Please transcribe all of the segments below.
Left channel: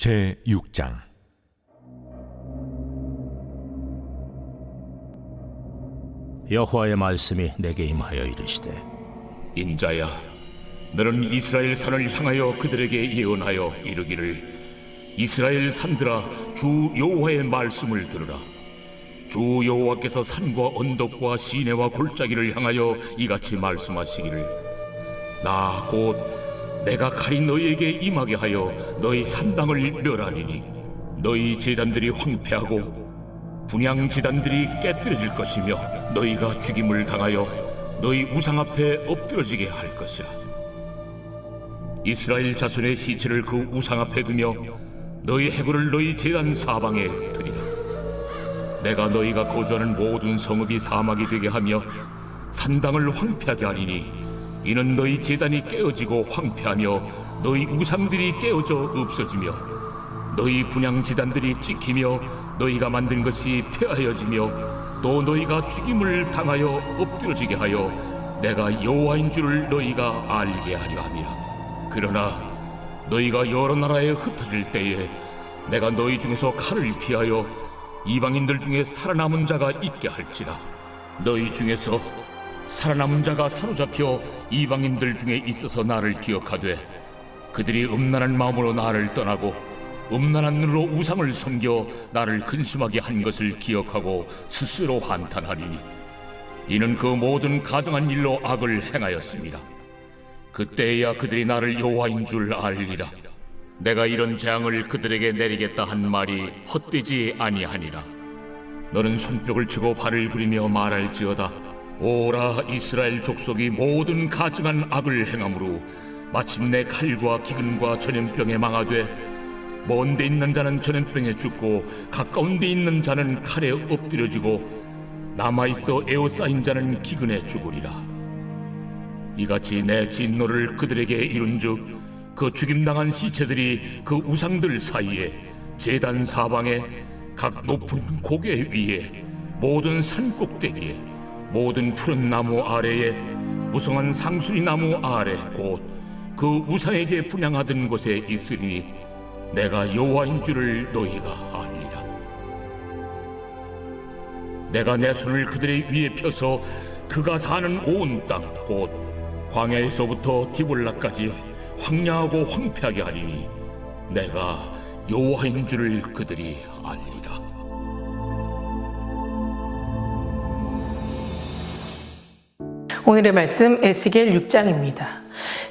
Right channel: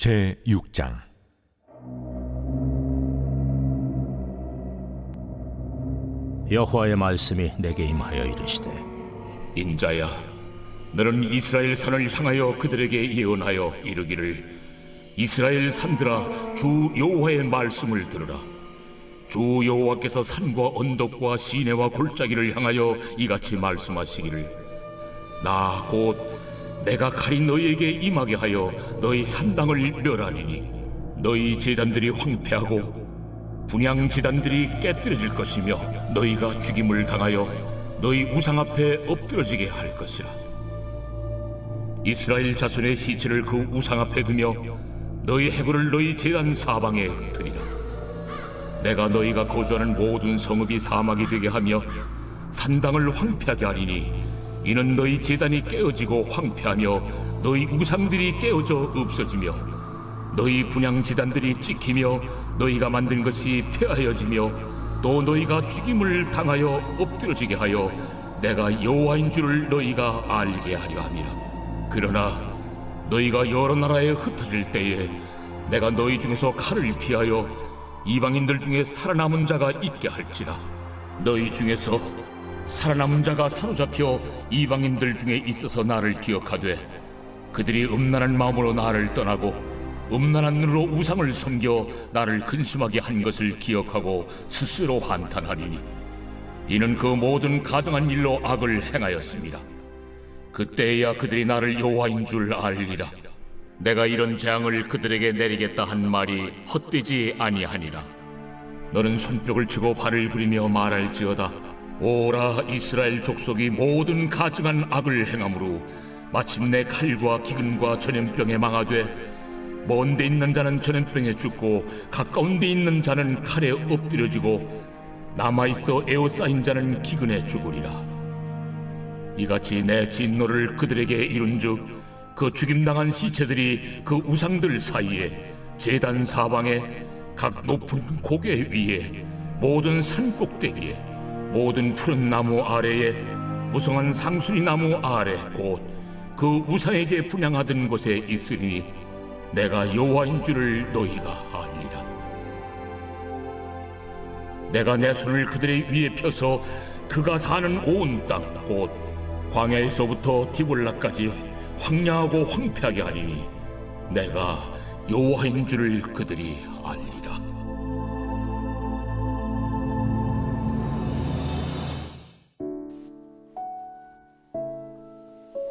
제6장. 여호와의 말씀이 내게 임하여 이르시되, 인자야, 너는 이스라엘 산을 향하여 그들에게 예언하여 이르기를, 이스라엘 산들아, 주 여호와의 말씀을 들으라. 주 여호와께서 산과 언덕과 시내와 골짜기를 향하여 이같이 말씀하시기를, 나 곧 내가 칼이 너희에게 임하게 하여 너희 산당을 멸하리니 너희 제단들이 황폐하고 분향 제단들이 깨뜨려질 것이며 너희가 죽임을 당하여 너희 우상 앞에 엎드러지게 할 것이라. 이스라엘 자손의 시체를 그 우상 앞에 두며 너희 해골을 너희 제단 사방에 흩으리라. 내가 너희가 거주하는 모든 성읍이 사막이 되게 하며 산당을 황폐하게 하리니 이는 너희 제단이 깨어지고 황폐하며 너희 우상들이 깨어져 없어지며 너희 분향 제단들이 찍히며 너희가 만든 것이 폐하여지며 또 너희가 죽임을 당하여 엎드러지게 하여 내가 여호와인 줄을 너희가 알게 하려 함이라. 그러나 너희가 여러 나라에 흩어질 때에 내가 너희 중에서 칼을 피하여 이방인들 중에 살아남은 자가 있게 할지라. 너희 중에서 살아남은 자가 사로잡혀 이방인들 중에 있어서 나를 기억하되 그들이 음란한 마음으로 나를 떠나고 음란한 눈으로 우상을 섬겨 나를 근심하게 한 것을 기억하고 스스로 한탄하리니 이는 그 모든 가증한 일로 악을 행하였습니다. 그때야 그들이 나를 여호와인 줄 알리라. 내가 이런 재앙을 그들에게 내리겠다 한 말이 헛되지 아니하니라. 너는 손뼉을 치고 발을 구리며 말할지어다. 오라, 이스라엘 족속이 모든 가증한 악을 행함으로 마침내 칼과 기근과 전염병에 망하되 먼 데 있는 자는 전염병에 죽고 가까운 데 있는 자는 칼에 엎드려지고 남아있어 에워싸인 자는 기근에 죽으리라. 이같이 내 진노를 그들에게 이룬즉 그 죽임당한 시체들이 그 우상들 사이에 제단 사방에 각 높은 고개 위에 모든 산 꼭대기에 모든 푸른 나무 아래에 무성한 상수리 나무 아래 곧 그 우상에게 분향하던 곳에 있으리니 내가 여호와인 줄을 너희가 알리라. 내가 내 손을 그들의 위에 펴서 그가 사는 온 땅 곧 광야에서부터 디볼라까지 황량하고 황폐하게 하리니 내가 여호와인 줄을 그들이 알리라. 오늘의 말씀 에스겔 6장입니다.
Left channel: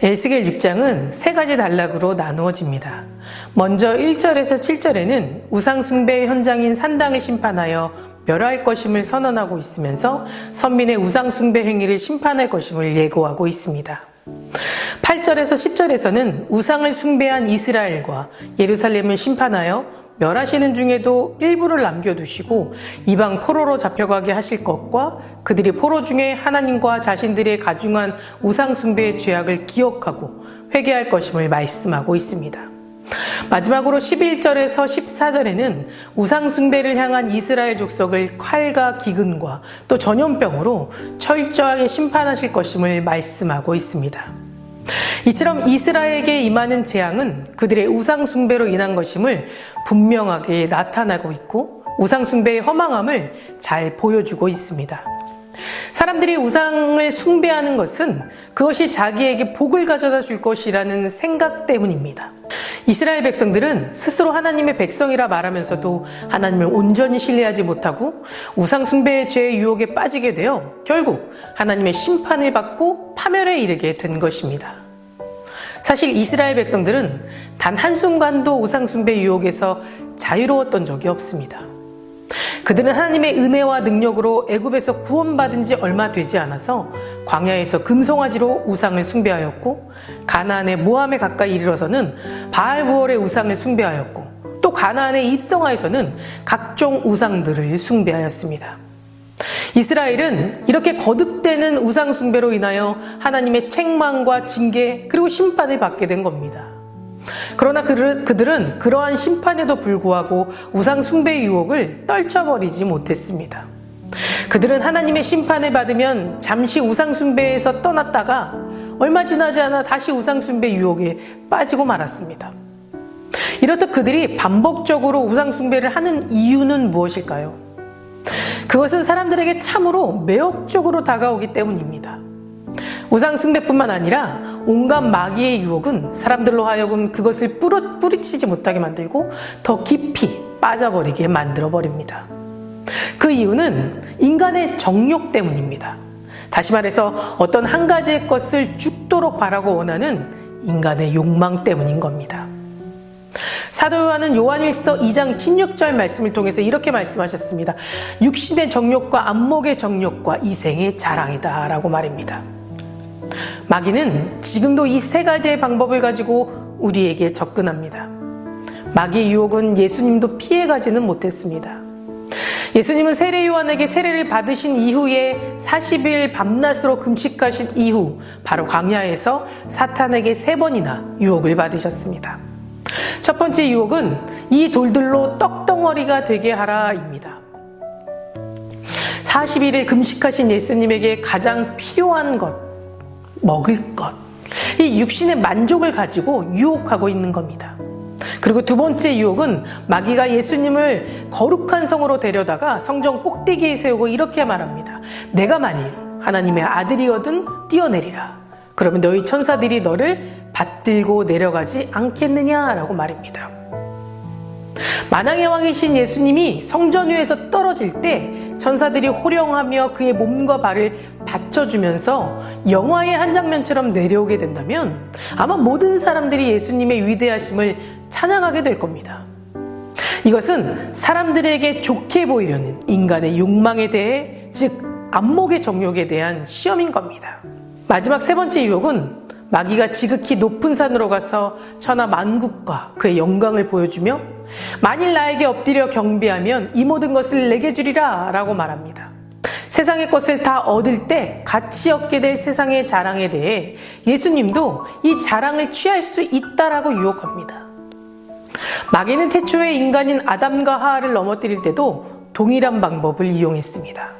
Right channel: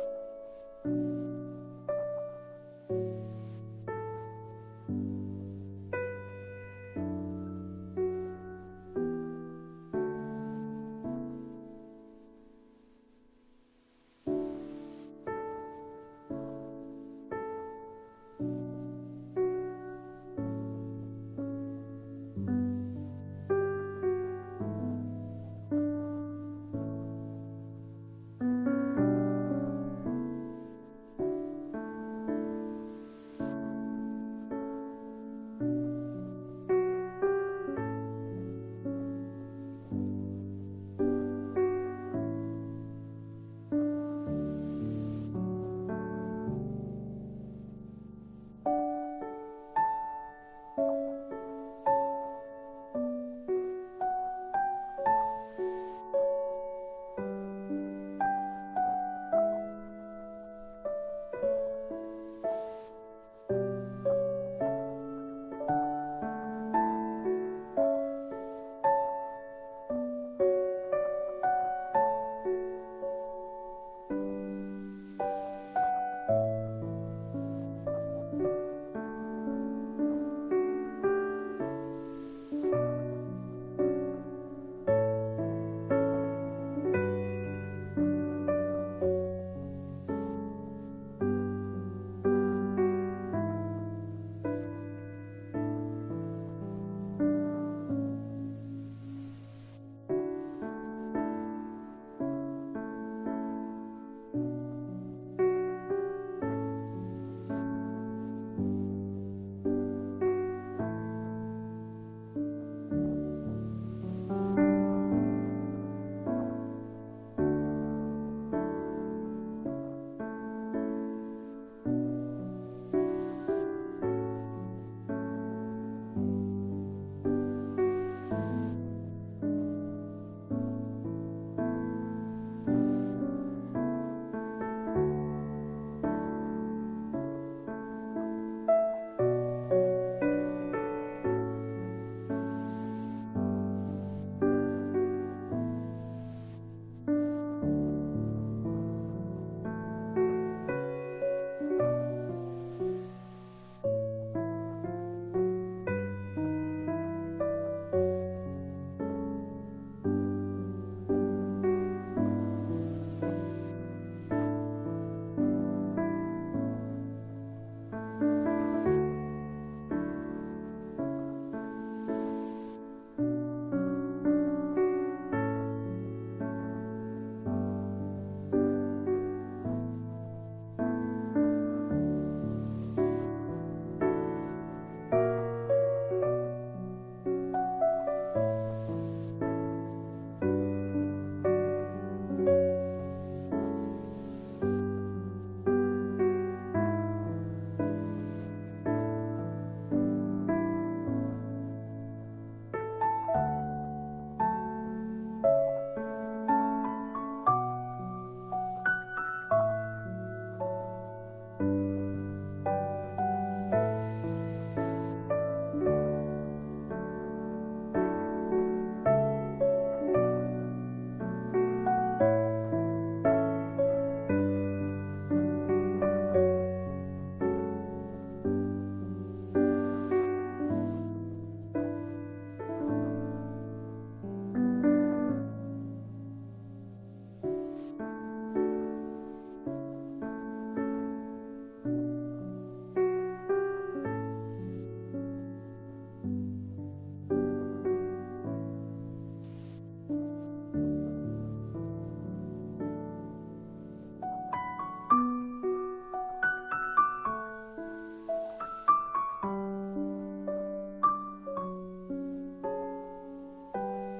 에스겔 6장은 세 가지 단락으로 나누어집니다. 먼저 1절에서 7절에는 우상 숭배의 현장인 산당을 심판하여 멸할 것임을 선언하고 있으면서 선민의 우상 숭배 행위를 심판할 것임을 예고하고 있습니다. 8절에서 10절에서는 우상을 숭배한 이스라엘과 예루살렘을 심판하여 멸하시는 중에도 일부를 남겨두시고 이방 포로로 잡혀가게 하실 것과 그들이 포로 중에 하나님과 자신들의 가중한 우상 숭배의 죄악을 기억하고 회개할 것임을 말씀하고 있습니다. 마지막으로 11절에서 14절에는 우상 숭배를 향한 이스라엘 족속을 칼과 기근과 또 전염병으로 철저하게 심판하실 것임을 말씀하고 있습니다. 이처럼 이스라엘에게 임하는 재앙은 그들의 우상 숭배로 인한 것임을 분명하게 나타나고 있고 우상 숭배의 허망함을 잘 보여주고 있습니다. 사람들이 우상을 숭배하는 것은 그것이 자기에게 복을 가져다 줄 것이라는 생각 때문입니다. 이스라엘 백성들은 스스로 하나님의 백성이라 말하면서도 하나님을 온전히 신뢰하지 못하고 우상 숭배의 죄의 유혹에 빠지게 되어 결국 하나님의 심판을 받고 파멸에 이르게 된 것입니다. 사실 이스라엘 백성들은 단 한순간도 우상 숭배 유혹에서 자유로웠던 적이 없습니다. 그들은 하나님의 은혜와 능력으로 애굽에서 구원받은 지 얼마 되지 않아서 광야에서 금송아지로 우상을 숭배하였고 가나안의 모함에 가까이 이르러서는 바알부올의 우상을 숭배하였고 또 가나안에 입성하여서는 각종 우상들을 숭배하였습니다. 이스라엘은 이렇게 거듭되는 우상 숭배로 인하여 하나님의 책망과 징계 그리고 심판을 받게 된 겁니다. 그러나 그들은 그러한 심판에도 불구하고 우상 숭배의 유혹을 떨쳐버리지 못했습니다. 그들은 하나님의 심판을 받으면 잠시 우상 숭배에서 떠났다가 얼마 지나지 않아 다시 우상 숭배 유혹에 빠지고 말았습니다. 이렇듯 그들이 반복적으로 우상숭배를 하는 이유는 무엇일까요? 그것은 사람들에게 참으로 매혹적으로 다가오기 때문입니다. 우상숭배뿐만 아니라 온갖 마귀의 유혹은 사람들로 하여금 그것을 뿌리치지 못하게 만들고 더 깊이 빠져버리게 만들어버립니다. 그 이유는 인간의 정욕 때문입니다. 다시 말해서 어떤 한 가지의 것을 죽도록 바라고 원하는 인간의 욕망 때문인 겁니다. 사도 요한은 요한일서 2장 16절 말씀을 통해서 이렇게 말씀하셨습니다. 육신의 정욕과 안목의 정욕과 이생의 자랑이다 라고 말입니다. 마귀는 지금도 이 세 가지의 방법을 가지고 우리에게 접근합니다. 마귀의 유혹은 예수님도 피해가지는 못했습니다. 예수님은 세례 요한에게 세례를 받으신 이후에 40일 밤낮으로 금식하신 이후 바로 광야에서 사탄에게 3번이나 유혹을 받으셨습니다. 첫 번째 유혹은 이 돌들로 떡덩어리가 되게 하라입니다. 40일을 금식하신 예수님에게 가장 필요한 것, 먹을 것, 이 육신의 만족을 가지고 유혹하고 있는 겁니다. 그리고 두 번째 유혹은 마귀가 예수님을 거룩한 성으로 데려다가 성전 꼭대기에 세우고 이렇게 말합니다. 내가 만일 하나님의 아들이거든 뛰어내리라. 그러면 너희 천사들이 너를 받들고 내려가지 않겠느냐라고 말입니다. 만왕의 왕이신 예수님이 성전 위에서 떨어질 때 천사들이 호령하며 그의 몸과 발을 받쳐주면서 영화의 한 장면처럼 내려오게 된다면 아마 모든 사람들이 예수님의 위대하심을 찬양하게 될 겁니다. 이것은 사람들에게 좋게 보이려는 인간의 욕망에 대해, 즉 안목의 정욕에 대한 시험인 겁니다. 마지막 세 번째 유혹은 마귀가 지극히 높은 산으로 가서 천하 만국과 그의 영광을 보여주며 만일 나에게 엎드려 경배하면 이 모든 것을 내게 주리라 라고 말합니다. 세상의 것을 다 얻을 때 같이 얻게 될 세상의 자랑에 대해 예수님도 이 자랑을 취할 수 있다라고 유혹합니다. 마귀는 태초에 인간인 아담과 하와를 넘어뜨릴 때도 동일한 방법을 이용했습니다.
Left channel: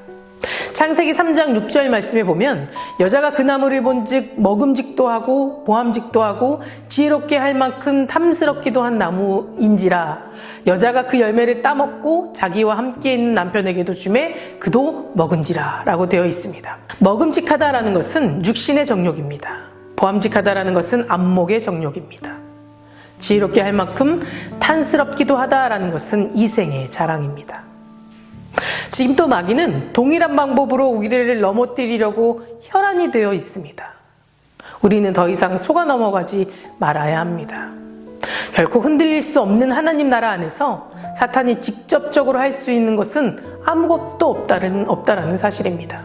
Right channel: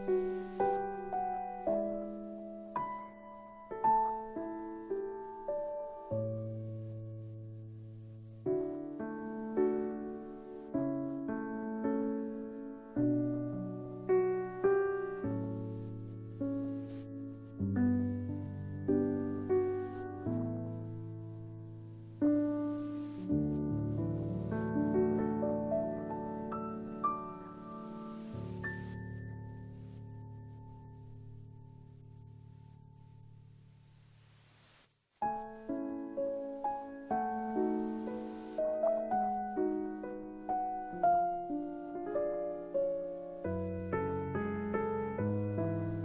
창세기 3장 6절 말씀에 보면 여자가 그 나무를 본즉 먹음직도 하고 보암직도 하고 지혜롭게 할 만큼 탐스럽기도 한 나무인지라 여자가 그 열매를 따먹고 자기와 함께 있는 남편에게도 주매 그도 먹은지라 라고 되어 있습니다. 먹음직하다라는 것은 육신의 정욕입니다. 보암직하다라는 것은 안목의 정욕입니다. 지혜롭게 할 만큼 탐스럽기도 하다라는 것은 이생의 자랑입니다. 지금 또 마귀는 동일한 방법으로 우리를 넘어뜨리려고 혈안이 되어 있습니다. 우리는 더 이상 속아 넘어가지 말아야 합니다. 결코 흔들릴 수 없는 하나님 나라 안에서 사탄이 직접적으로 할 수 있는 것은 아무것도 없다라는 사실입니다.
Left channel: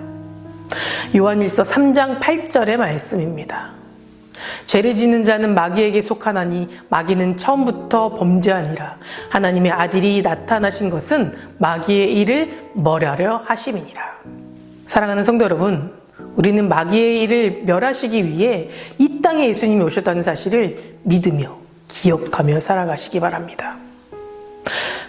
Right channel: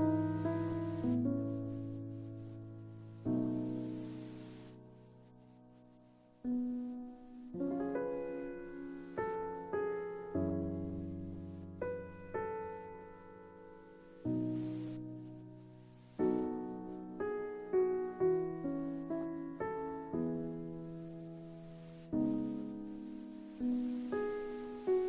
요한일서 3장 8절의 말씀입니다. 죄를 짓는 자는 마귀에게 속하나니 마귀는 처음부터 범죄하니라. 하나님의 아들이 나타나신 것은 마귀의 일을 멸하려 하심이니라. 사랑하는 성도 여러분, 우리는 마귀의 일을 멸하시기 위해 이 땅에 예수님이 오셨다는 사실을 믿으며 기억하며 살아가시기 바랍니다.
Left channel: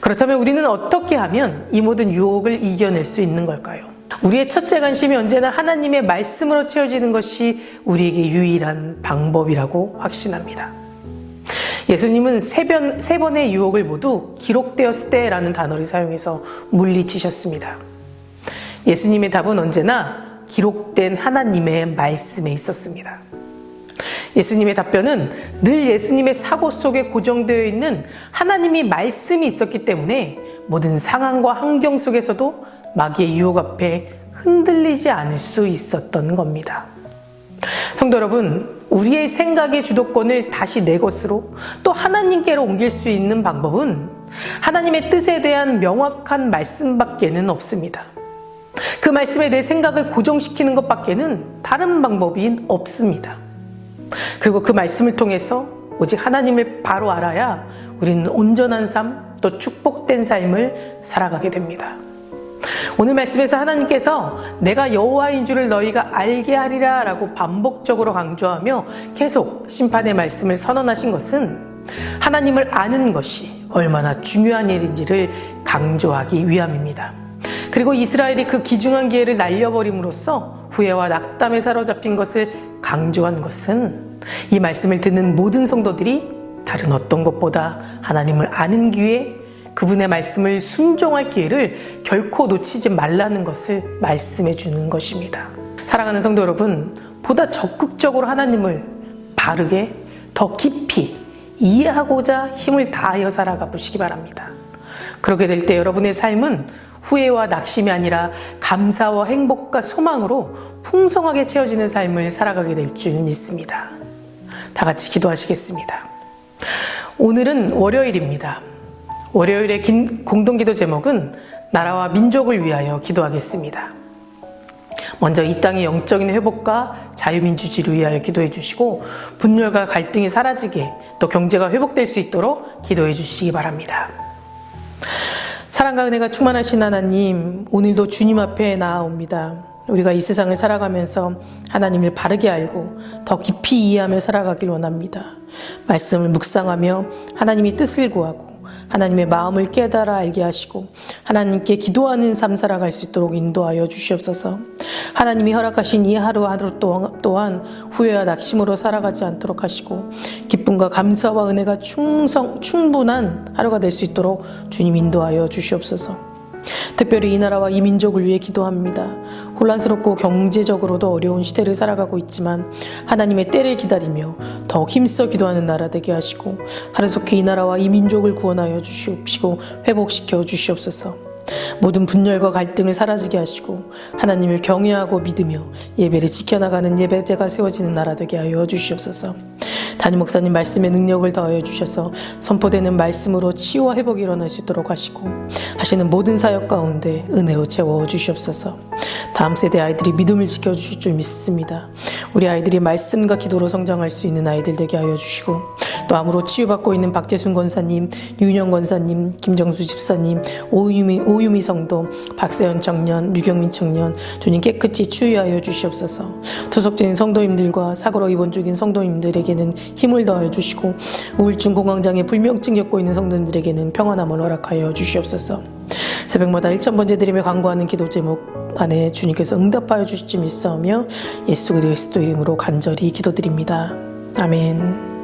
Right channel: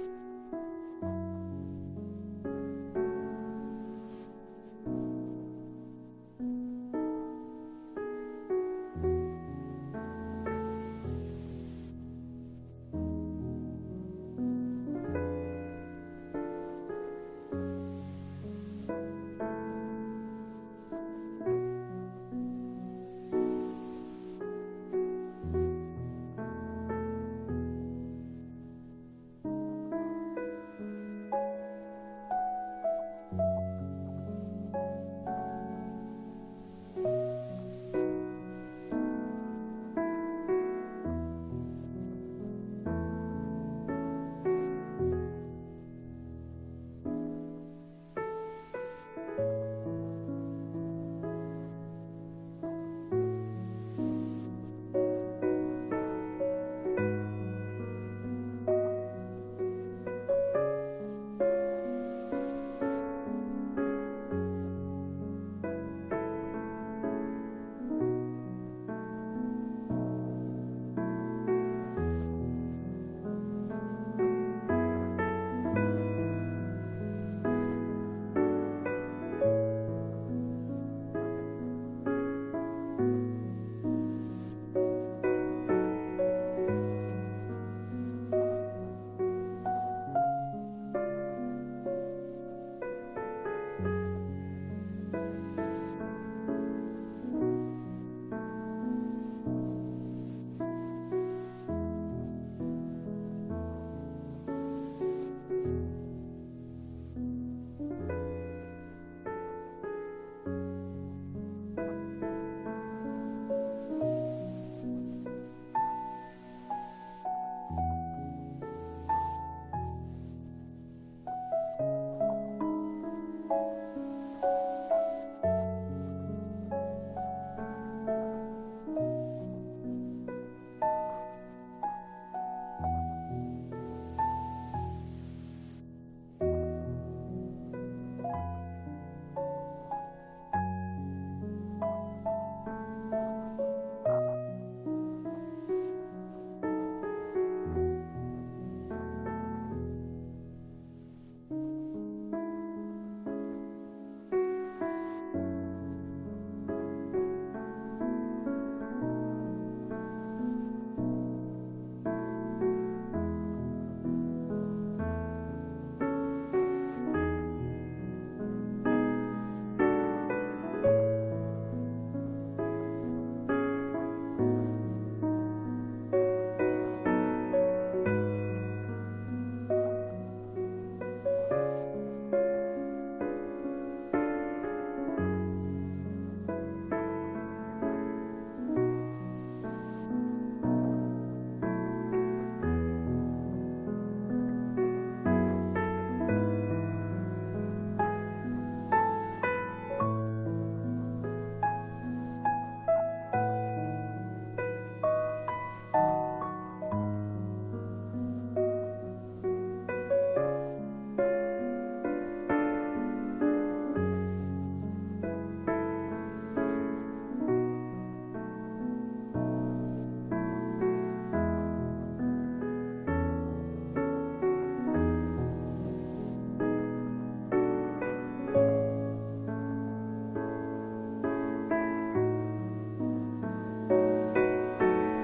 그렇다면 우리는 어떻게 하면 이 모든 유혹을 이겨낼 수 있는 걸까요? 우리의 첫째 관심이 언제나 하나님의 말씀으로 채워지는 것이 우리에게 유일한 방법이라고 확신합니다. 예수님은 세 번의 유혹을 모두 기록되었을 때라는 단어를 사용해서 물리치셨습니다. 예수님의 답은 언제나 기록된 하나님의 말씀에 있었습니다. 예수님의 답변은 늘 예수님의 사고 속에 고정되어 있는 하나님의 말씀이 있었기 때문에 모든 상황과 환경 속에서도 마귀의 유혹 앞에 흔들리지 않을 수 있었던 겁니다. 성도 여러분, 우리의 생각의 주도권을 다시 내 것으로 또 하나님께로 옮길 수 있는 방법은 하나님의 뜻에 대한 명확한 말씀밖에는 없습니다. 그 말씀에 내 생각을 고정시키는 것밖에는 다른 방법이 없습니다. 그리고 그 말씀을 통해서 오직 하나님을 바로 알아야 우리는 온전한 삶, 또 축복된 삶을 살아가게 됩니다. 오늘 말씀에서 하나님께서 내가 여호와인 줄을 너희가 알게 하리라 라고 반복적으로 강조하며 계속 심판의 말씀을 선언하신 것은 하나님을 아는 것이 얼마나 중요한 일인지를 강조하기 위함입니다. 그리고 이스라엘이 그 귀중한 기회를 날려버림으로써 후회와 낙담에 사로잡힌 것을 강조한 것은 이 말씀을 듣는 모든 성도들이 다른 어떤 것보다 하나님을 아는 기회, 그분의 말씀을 순종할 기회를 결코 놓치지 말라는 것을 말씀해 주는 것입니다. 사랑하는 성도 여러분, 보다 적극적으로 하나님을 바르게 더 깊이 이해하고자 힘을 다하여 살아가 보시기 바랍니다. 그렇게 될 때 여러분의 삶은 후회와 낙심이 아니라 감사와 행복과 소망으로 풍성하게 채워지는 삶을 살아가게 될 줄 믿습니다. 다 같이 기도하시겠습니다. 오늘은 월요일입니다. 월요일의 공동기도 제목은 나라와 민족을 위하여 기도하겠습니다. 먼저 이 땅의 영적인 회복과 자유민주주의를 위하여 기도해 주시고 분열과 갈등이 사라지게 또 경제가 회복될 수 있도록 기도해 주시기 바랍니다. 사랑과 은혜가 충만하신 하나님, 오늘도 주님 앞에 나아옵니다. 우리가 이 세상을 살아가면서 하나님을 바르게 알고 더 깊이 이해하며 살아가길 원합니다. 말씀을 묵상하며 하나님의 뜻을 구하고 하나님의 마음을 깨달아 알게 하시고 하나님께 기도하는 삶 살아갈 수 있도록 인도하여 주시옵소서. 하나님이 허락하신 이 하루 또한 후회와 낙심으로 살아가지 않도록 하시고 기쁨과 감사와 은혜가 충분한 하루가 될 수 있도록 주님 인도하여 주시옵소서. 특별히 이 나라와 이 민족을 위해 기도합니다. 혼란스럽고 경제적으로도 어려운 시대를 살아가고 있지만 하나님의 때를 기다리며 더욱 힘써 기도하는 나라 되게 하시고 하루속히 이 나라와 이 민족을 구원하여 주시옵시고 회복시켜 주시옵소서. 모든 분열과 갈등을 사라지게 하시고 하나님을 경외하고 믿으며 예배를 지켜나가는 예배제가 세워지는 나라 되게 하여 주시옵소서. 담임 목사님 말씀의 능력을 더하여 주셔서 선포되는 말씀으로 치유와 회복이 일어날 수 있도록 하시고 하시는 모든 사역 가운데 은혜로 채워 주시옵소서. 다음 세대 아이들이 믿음을 지켜주실 줄 믿습니다. 우리 아이들이 말씀과 기도로 성장할 수 있는 아이들 되게 하여 주시고 또 암으로 치유받고 있는 박재순 권사님, 유윤영 권사님, 김정수 집사님, 오유미 성도, 박세현 청년, 류경민 청년 주님 깨끗이 치유하여 주시옵소서. 투석진 성도님들과 사고로 입원 중인 성도님들에게는 힘을 더하여 주시고 우울증 공황장애 불면증 겪고 있는 성도님들에게는 평안함을 허락하여 주시옵소서. 새벽마다 1000번째 드리며 간구하는 기도 제목 안에 주님께서 응답하여 주실 줄 믿사오며 예수 그리스도 이름으로 간절히 기도드립니다. 아멘.